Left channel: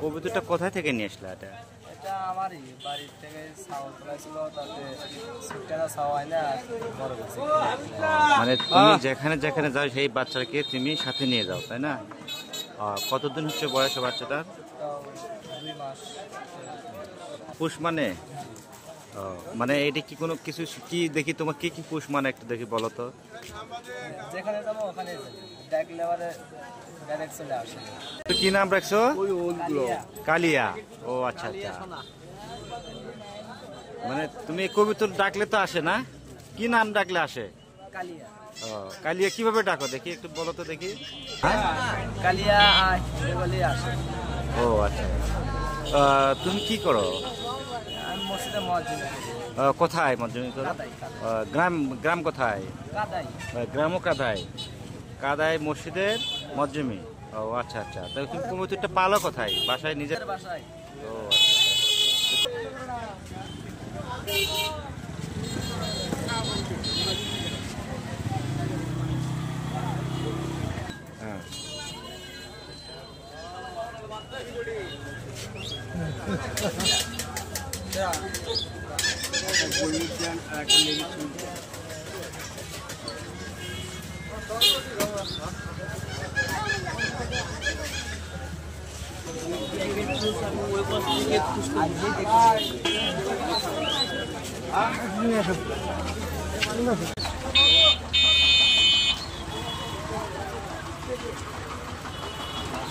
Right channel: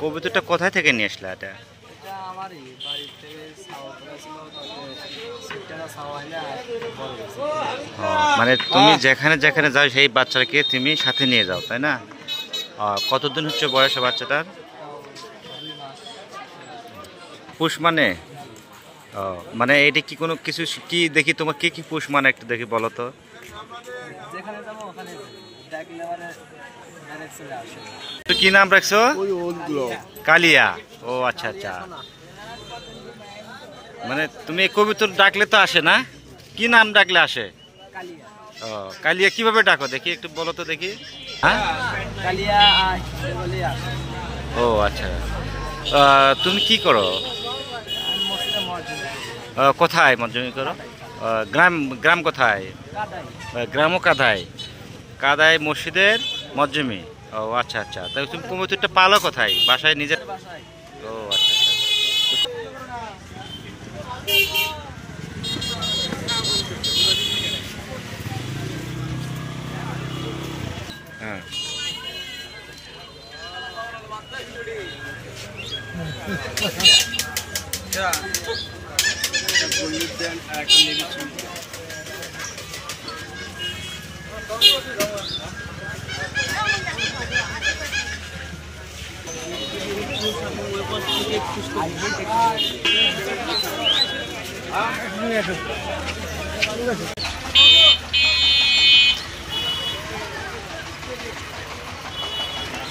কবুতরটা কোথায় থেকে নিয়ে আসলে এটা? আমারই বাড়ি থেকে ছাওয়া তোলা ছিল, তারপরে সিটটা ছাওয়া হয় না বড় গেছে। মানে তুমি যেখানে যেখানে যাও সেই বাচ্চাকে তুমি সাথে নিয়ে যাও, তাই না? কতদিন হচ্ছে বয়স বাচ্চাটার? তাও 2 মাস। পুষ মানে মানে এটা কি কোনো কিছু কি দেখি তোমার কি কি পুষ মানে একটু দেখি বলো তো। যেখানে যাবো ওখানে ডাকলে মানে ডাইরেক্ট চলে আসে। তো কি নাম রাখছো? কালিয়া। ও আচ্ছা আচ্ছা, মানে তুমি কবুতর ডাকলে তো আসে না, কি নাম ডাকলে আসে? কালিয়া। ও কালিয়া কিভাবে ডাকো দেখি একটু বলো তো দেখি। হ্যাঁ কালিয়া বলে আসে। ও আচ্ছা, তুমি কি করো? আমি মসজিদে মুয়াজ্জিন। কোথায় মজদুরি করো? গ্রাম গ্রাম কোথায়? কাদাই। গ্রামও কাদায়, কাদায় মসজিদের মজ্জুমি। ও আচ্ছা আচ্ছা, তাই তুমি কবুতরটা পালো কোথায়? বাসায় নিজের? বাসায়। ও আচ্ছা আচ্ছা। হ্যাঁ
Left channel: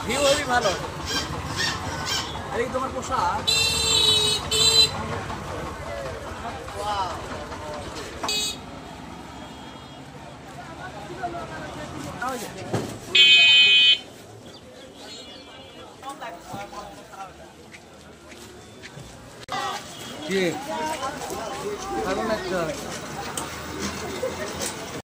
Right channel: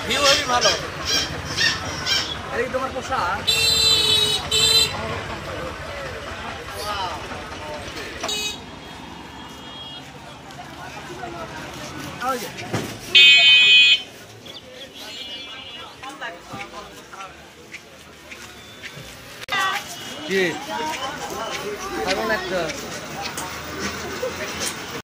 ভিউ হবে ভালো। এই তোমার পোশাক কি?